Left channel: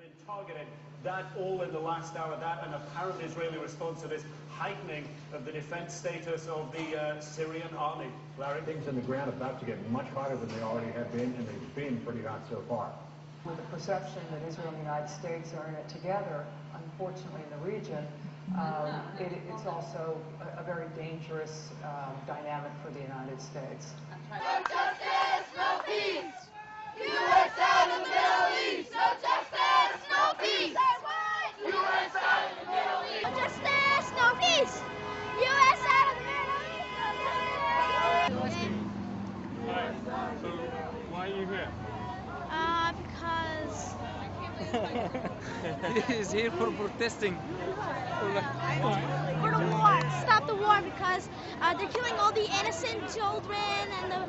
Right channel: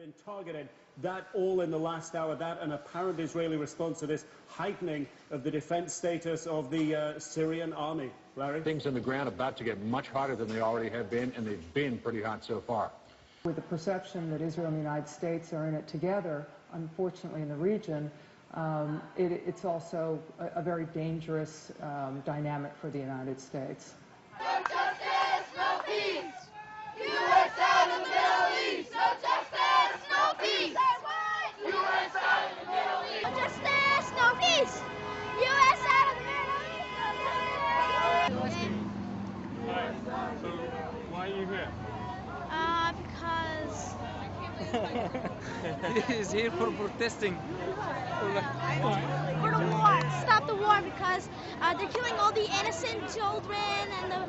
been targeted, that all in the last hour, that an apparent Israeli response to this heightening of the defense status of the Syrian army. Larry? Things in the ground about to get much hotter than they already have been, and they've been pretty hot so far. With the perception that Israel and the United States are in it together, unfortunately in the region, it's also a very dangerous dynamic for the United States. No justice, no peace! U.S. out in the Middle East! No justice, no peace! U.S. out in the Middle East! No justice, no peace! U.S. out in the Middle East! Alright, so why are you here? Because He's here for protesting. for the war, stop the war, because they're killing all the innocent children and the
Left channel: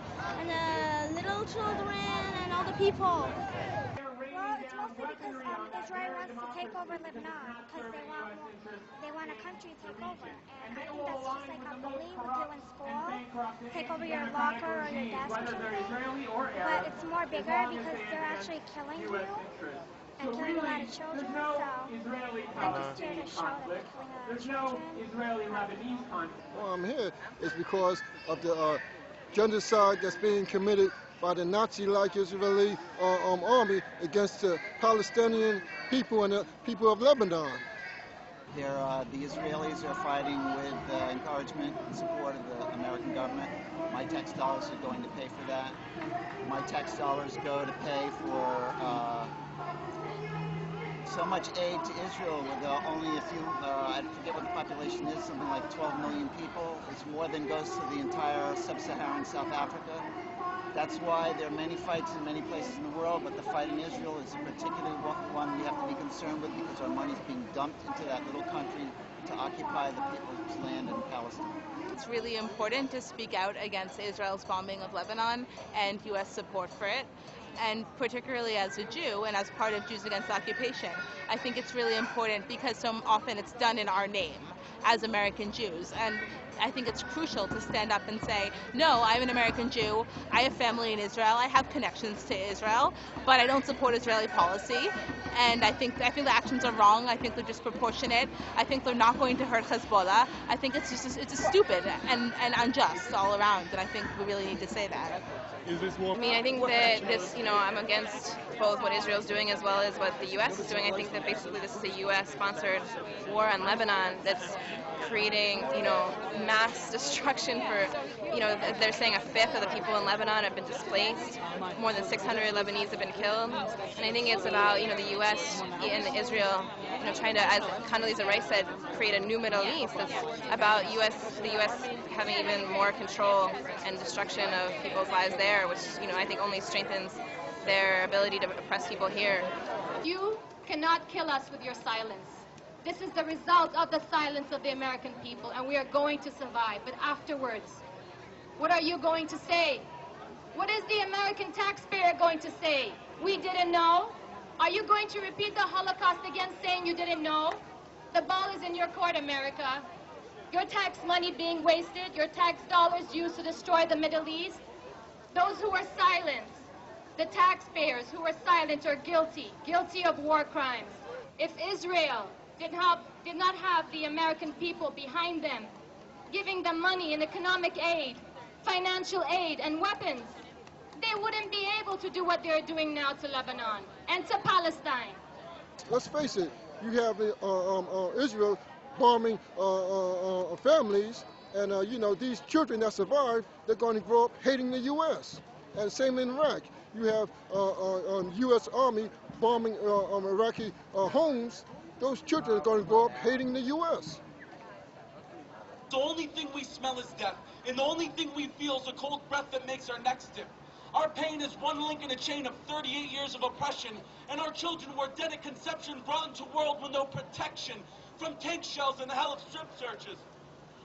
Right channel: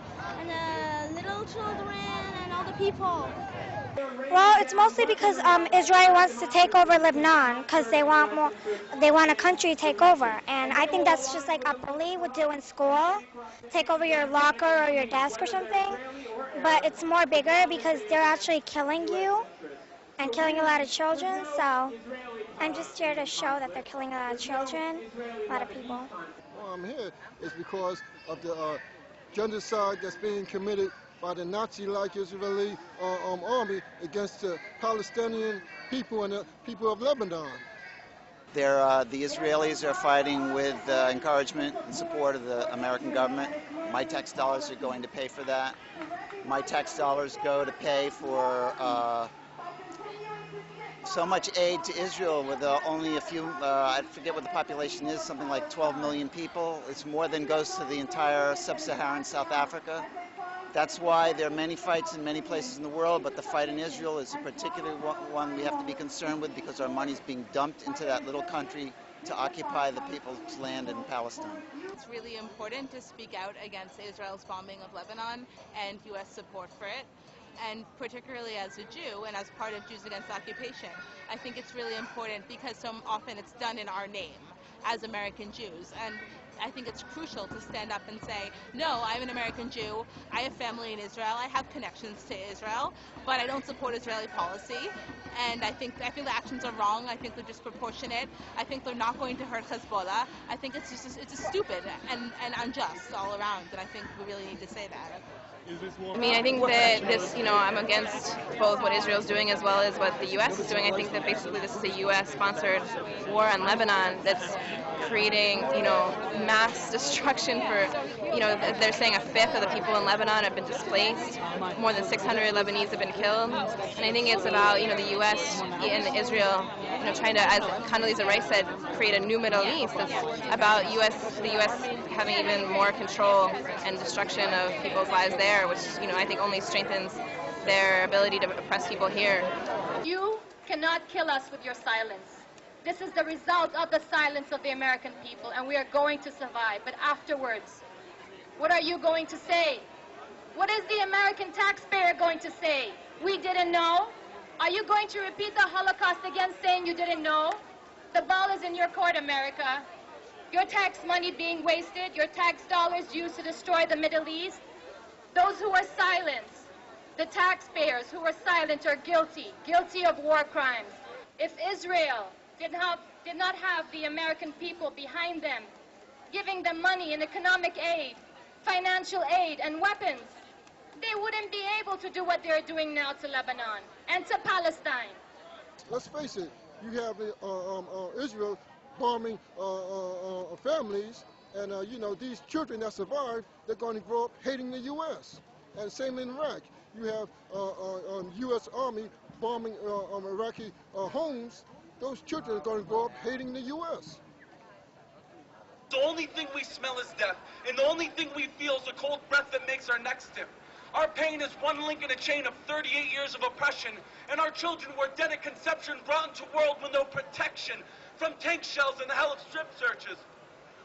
little children and all the people. Well, it's mostly because Israel wants to take over Lebanon because they want a country to take over, and I think that's just like a bully would do in school, take over your locker or your desk or something. But it's more bigger because they're actually killing you and killing a lot of children. So I'm just here to show that they're killing a lot of children, a lot of people. Well, I'm here is because of the genocide that's being committed by the Nazi-like Israeli army against the Palestinian people and the people of Lebanon. The Israelis are fighting with encouragement and support of the American government. My tax dollars are going to pay for that. My tax dollars go to pay for so much aid to Israel with only a few, I forget what the population is, something like 12 million people. It's more than goes to the entire sub-Saharan South Africa. That's why there are many fights in many places in the world, but the fight in Israel is a particular one we have to be concerned with because our money is being dumped into that little country to occupy the people's land in Palestine. It's really important to speak out against Israel's bombing of Lebanon and U.S. support for it. And particularly as a Jew and as part of Jews Against Occupation, I think it's really important because so often it's done in our name as American Jews. And I think it's crucial to stand up and say, no, I'm an American Jew, I have family in Israel, I have connections to Israel, but I don't support Israeli policy. And I think the actions are wrong. I think they're disproportionate. I think they're not going to hurt Hezbollah. I think it's just stupid and unjust all around, and I think we really need to say that. I mean, I think that this, I'm against both what Israel's doing as well as what the U.S. is doing. I think that basically this is a U.S.-sponsored war on Lebanon that's creating, mass destruction for, they're saying a fifth of the people in Lebanon have been displaced. More than 600 Lebanese have been killed. And I think it's about, the U.S. and Israel, trying to, as Condoleezza Rice said, create a new Middle East. It's about the U.S. having even more control and destruction of people's lives there, which, I think only strengthens their ability to oppress people here. You cannot kill us with your silence. This is the result of the silence of the American people, and we are going to survive. But afterwards, what are you going to say? What is the American taxpayer going to say? We didn't know? Are you going to repeat the Holocaust again, saying you didn't know? The ball is in your court, America. Your tax money being wasted, your tax dollars used to destroy the Middle East. Those who are silent, the taxpayers who are silent are guilty of war crimes. If Israel did not have the American people behind them, giving them money and economic aid, financial aid, and weapons, they wouldn't be able to do what they're doing now to Lebanon and to Palestine. Let's face it, you have Israel bombing families, and these children that survive, they're going to grow up hating the U.S. And same in Iraq. You have U.S. Army bombing Iraqi homes. Those children are going to grow up hating the U.S. The only thing we smell is death, and the only thing we feel is the cold breath that makes our necks stiff. Our pain is one link in a chain of 38 years of oppression, and our children were dead at conception, brought into a world with no protection from tank shells and the hell of strip searches.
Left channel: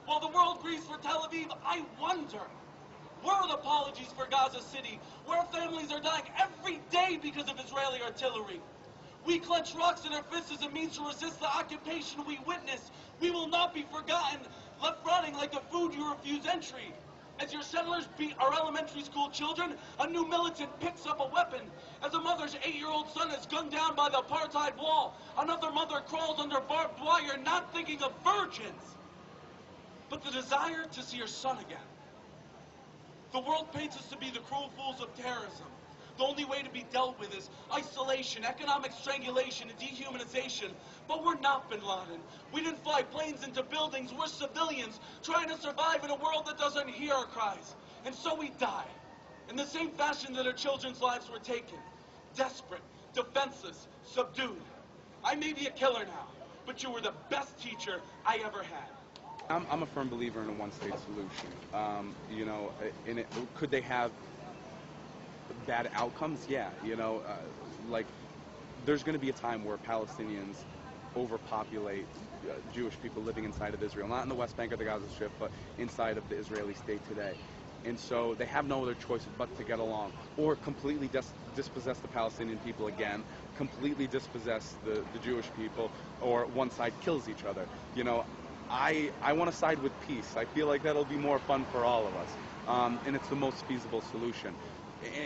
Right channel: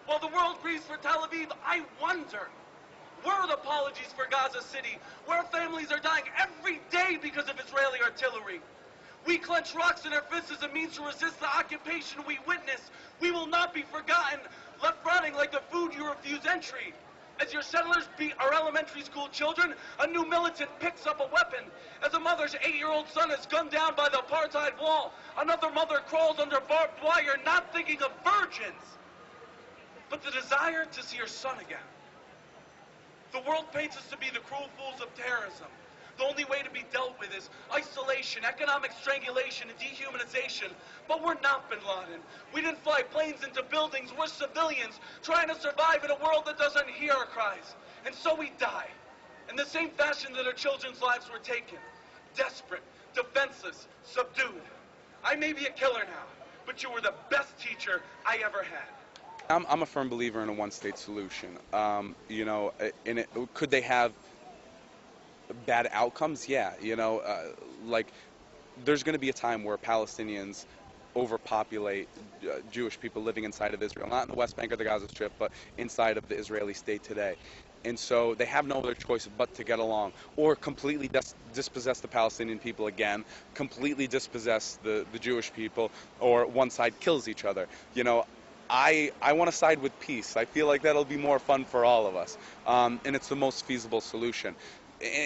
While the world grieves for Tel Aviv, I wonder, where are the apologies for Gaza City, where families are dying every day because of Israeli artillery? We clench rocks in our fists as a means to resist the occupation we witness. We will not be forgotten, left rotting like the food you refuse entry. As your settlers beat our elementary school children, a new militant picks up a weapon. As a mother's 8-year-old son is gunned down by the apartheid wall, another mother crawls under barbed wire, not thinking of virgins, but the desire to see her son again. The world paints us to be the cruel fools of terrorism. The only way to be dealt with is isolation, economic strangulation, and dehumanization. But we're not Bin Laden. We didn't fly planes into buildings. We're civilians trying to survive in a world that doesn't hear our cries. And so we die, in the same fashion that our children's lives were taken. Desperate, defenseless, subdued. I may be a killer now, but you were the best teacher I ever had. I'm a firm believer in a one-state solution. You know, could they have bad outcomes? Yeah, you know, like there's going to be a time where Palestinians overpopulate Jewish people living inside of Israel, not in the West Bank or the Gaza Strip, but inside of the Israeli state today. And so they have no other choice but to get along, or completely dispossess the Palestinian people again, completely dispossess the Jewish people, or one side kills each other. You know, I want to side with peace. I feel like that'll be more fun for all of us, and it's the most feasible solution.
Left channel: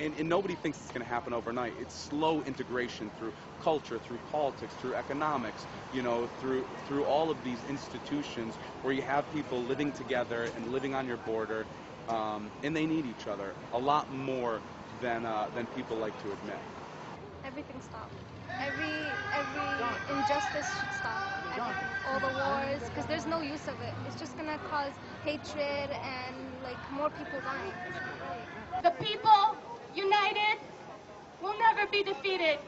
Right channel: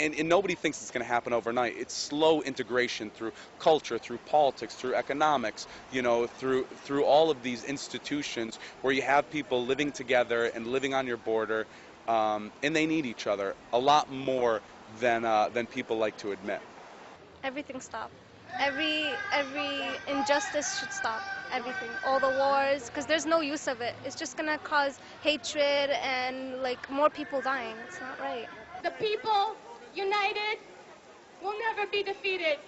And nobody thinks it's going to happen overnight. It's slow integration through culture, through politics, through economics, you know, through all of these institutions where you have people living together and living on your border, and they need each other a lot more than people like to admit. Everything stop. Every injustice should stop. Everything, all the wars, because there's no use of it. It's just gonna cause hatred and like more people dying. It's not right. The people, united, will never be defeated.